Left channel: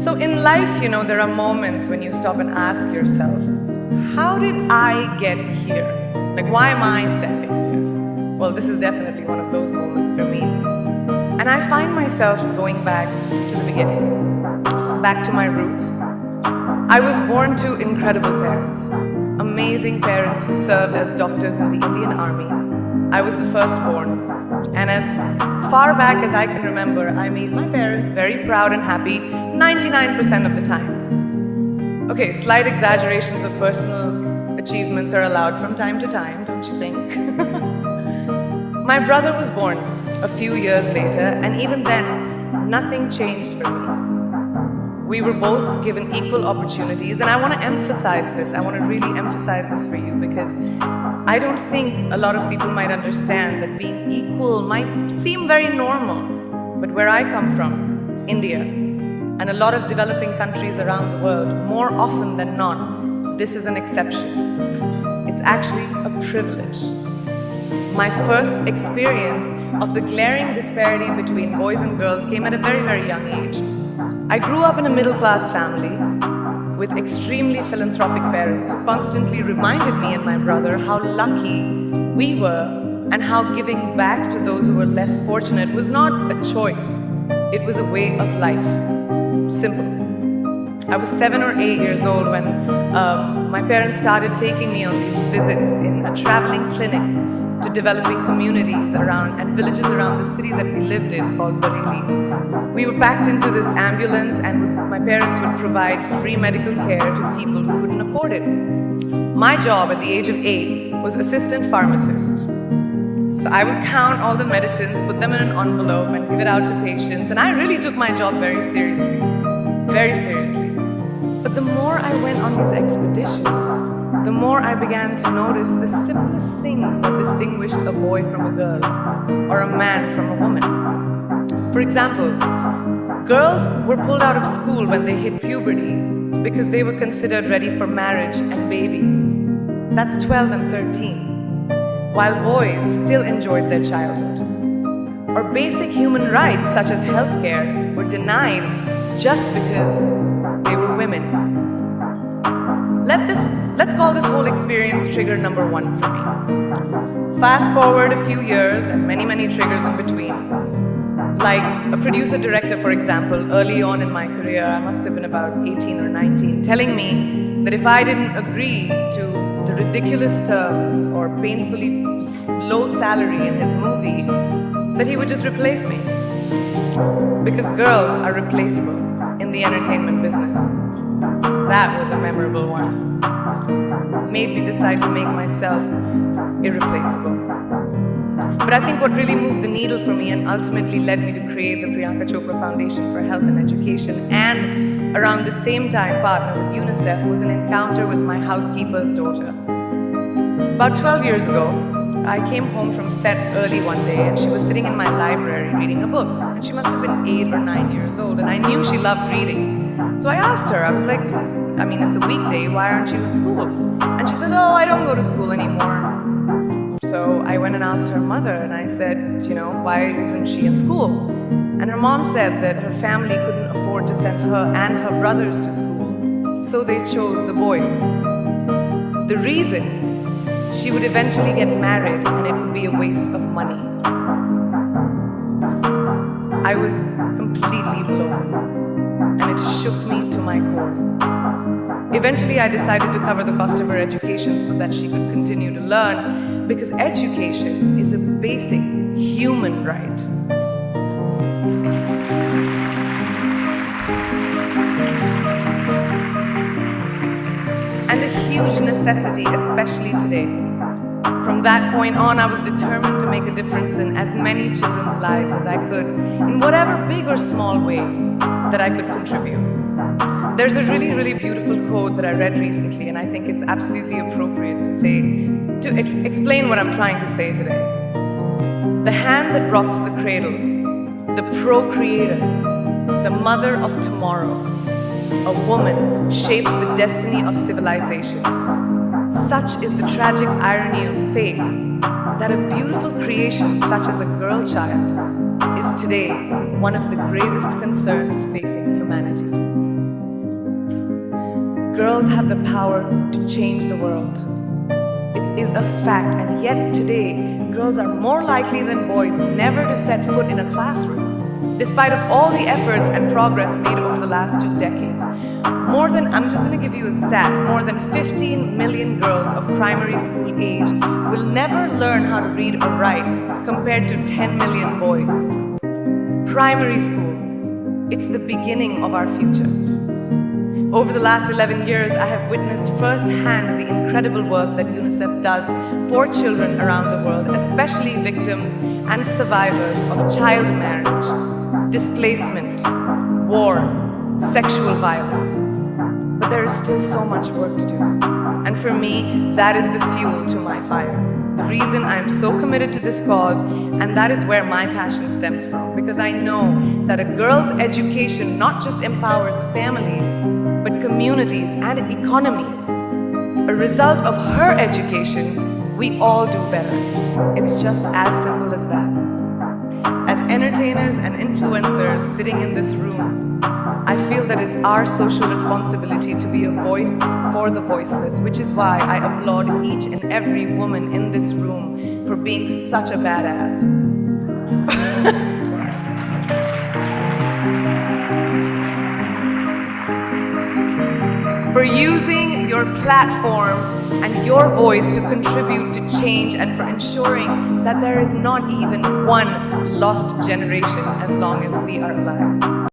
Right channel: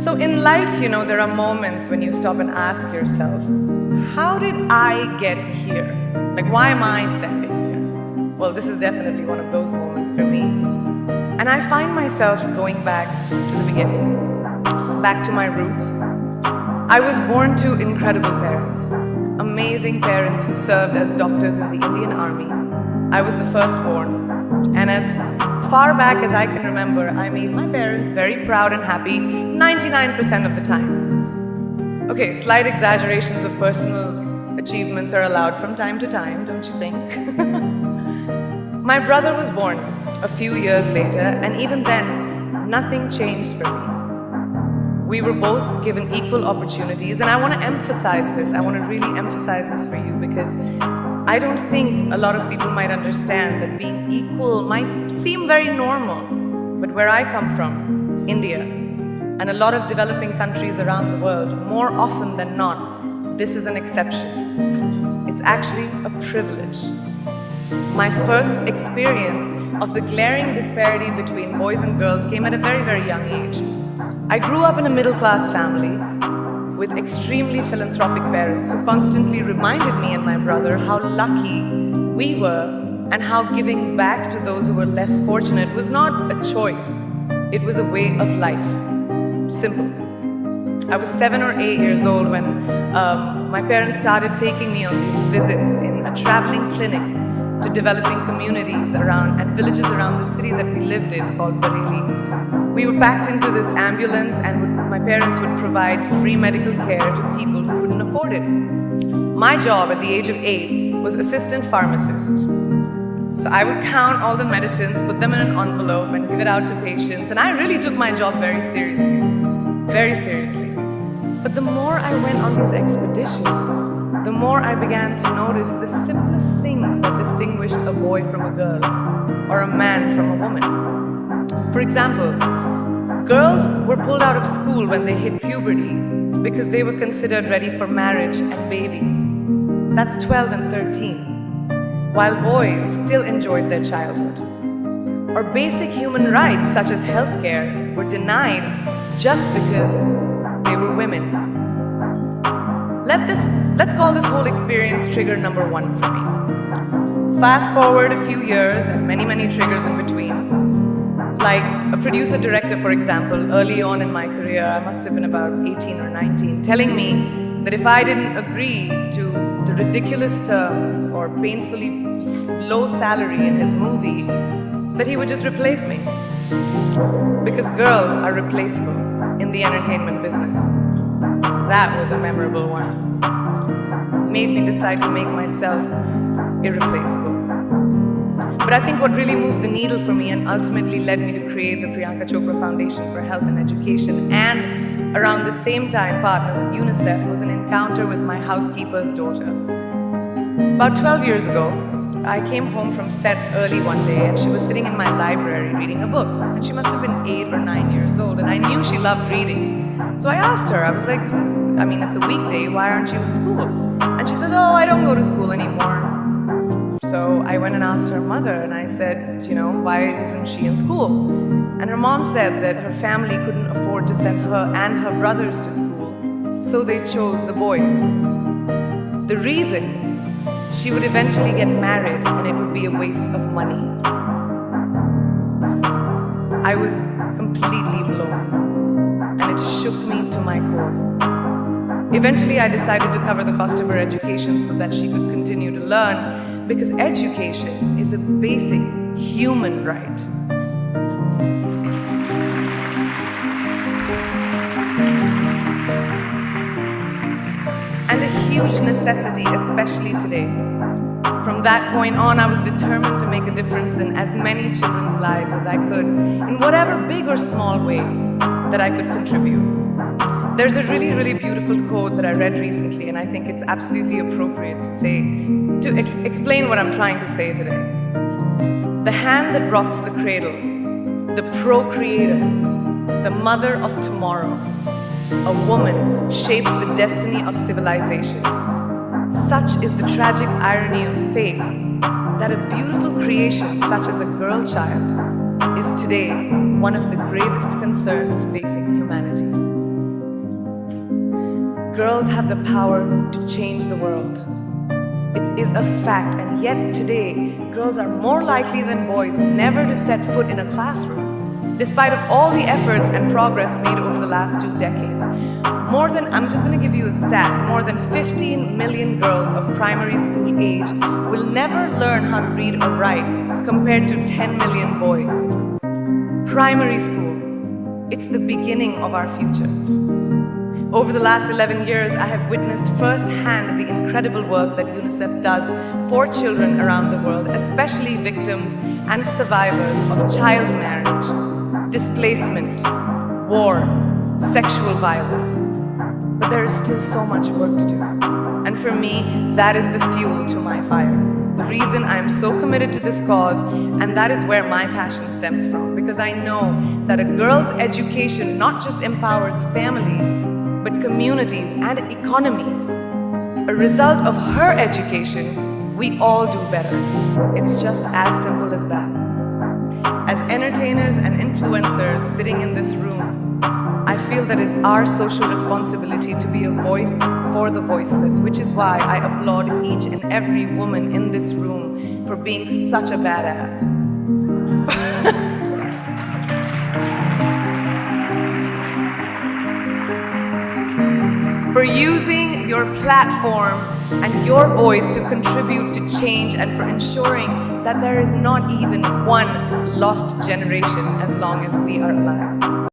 So in life, there are moments when you stop and ask yourself, how did I get here? Like, why am I standing here? Well, this is definitely one of those moments for me. And I find myself going back to the beginning, back to my roots. I was born to incredible parents, amazing parents who served as doctors in the Indian Army. I was the firstborn. And as far back as I can remember, I made my parents very proud and happy 99% of the time. Okay, slight exaggerations of personal achievements are allowed from time to time, don't you think? My brother was born a few years later, and even then, nothing changed for me. We were both given equal opportunities, and I want to emphasize this. I want to really emphasize this for you because I don't think a lot of people might understand that being equal might seem very normal. But where I come from, India, and a lot of developing countries around the world, more often than not, this is an exception. It's actually a privilege. My first experience of the glaring disparity between boys and girls came at a very, very young age. I grew up in a middle-class family with extremely philanthropic parents who constantly reminded me and my brother how lucky we were and how giving back to those who were less fortunate was not a choice. It was a way of life. Simple. I was 7 or 8 years old when my parents started taking me on these visits in a traveling clinic to developing communities around and villages around the city that we lived in called Bareilly. We were packed into this ambulance and my parents would provide free medical care to people who couldn't afford it. My job at the age of 8 was assistant pharmacist. So I would count all the medicines, put them in an envelope and give it out to patients, and I really took my job very seriously. Very seriously. But the more I went on these expeditions, the more I began to notice the simplest things that distinguished a boy from a girl or a man from a woman. For example, girls were pulled out of school when they hit puberty because they were considered ready for marriage and babies. That's 12 and 13, while boys still enjoyed their childhood. Or basic human rights such as healthcare were denied just because they were women. Let's call this whole experience trigger number 1 for me. Fast forward a few years and many, many triggers in between. Like a producer-director, for example, early on in my career, I must have been about 18 or 19, telling me that if I didn't agree to the ridiculous terms or painfully low salary in his movie, that he would just replace me. Because girls are replaceable in the entertainment business. That was a memorable one. Made me decide to make myself irreplaceable. But I think what really moved the needle for me and ultimately led me to create the Priyanka Chopra Foundation for Health and Education and around the same time partner with UNICEF was an encounter with my housekeeper's daughter. About 12 years ago, I came home from set early one day and she was sitting in my library reading a book. And she must have been 8 or 9 years old and I knew she loved reading. So I asked her, I was like, it's a weekday, why aren't you in school? And she said, oh, I don't go to school anymore. So I went and asked her mother and I said, why isn't she in school? And her mom said that her family couldn't afford to send her and her brothers to school, so they chose the boys. The reason, she would eventually get married and it would be a waste of money. I was completely blown. And it shook me to my core. Eventually, I decided to cover the cost of her education so that she could continue to learn, because education is a basic human right. And a huge necessity, especially today. From that point on, I was determined to make a difference in as many children's lives as I could, in whatever big or small way that I could contribute. There's a really, really beautiful quote that I read recently, and I think it's absolutely appropriate to explain what I'm trying to say today. The hand that rocks the cradle, the procreator, the mother of tomorrow, a woman shapes the destiny of civilization. Such is the tragic irony of fate that a beautiful creation such as a girl child is today one of the gravest concerns facing humanity. Girls have the power to change the world. It is a fact, and yet today, girls are more likely than boys never to set foot in a classroom, despite of all the efforts and progress made over the last 2 decades. I'm just going to give you a stat, more than 15 million girls of primary school age will never learn how to read or write, compared to 10 million boys. Primary school, it's the beginning of our future. Over the last 11 years, I have witnessed firsthand the incredible work that UNICEF does for children around the world, especially victims and survivors of child marriage, displacement, war, sexual violence. But there is still so much work to do. And for me, that is the fuel to my fire. The reason I am so committed to this cause, and that is where my passion stems from, because I know that a girl's education not just empowers families, but communities and economies. A result of her education, we all do better. It's just as simple as that. As entertainers and influencers sitting in this room, I feel that it's our social responsibility to be a voice for the voiceless, which is why I applaud each and every woman in this room for being such a badass. For using your platform and your voice to contribute to change, and for ensuring that there is not even one lost generation as long as we are alive.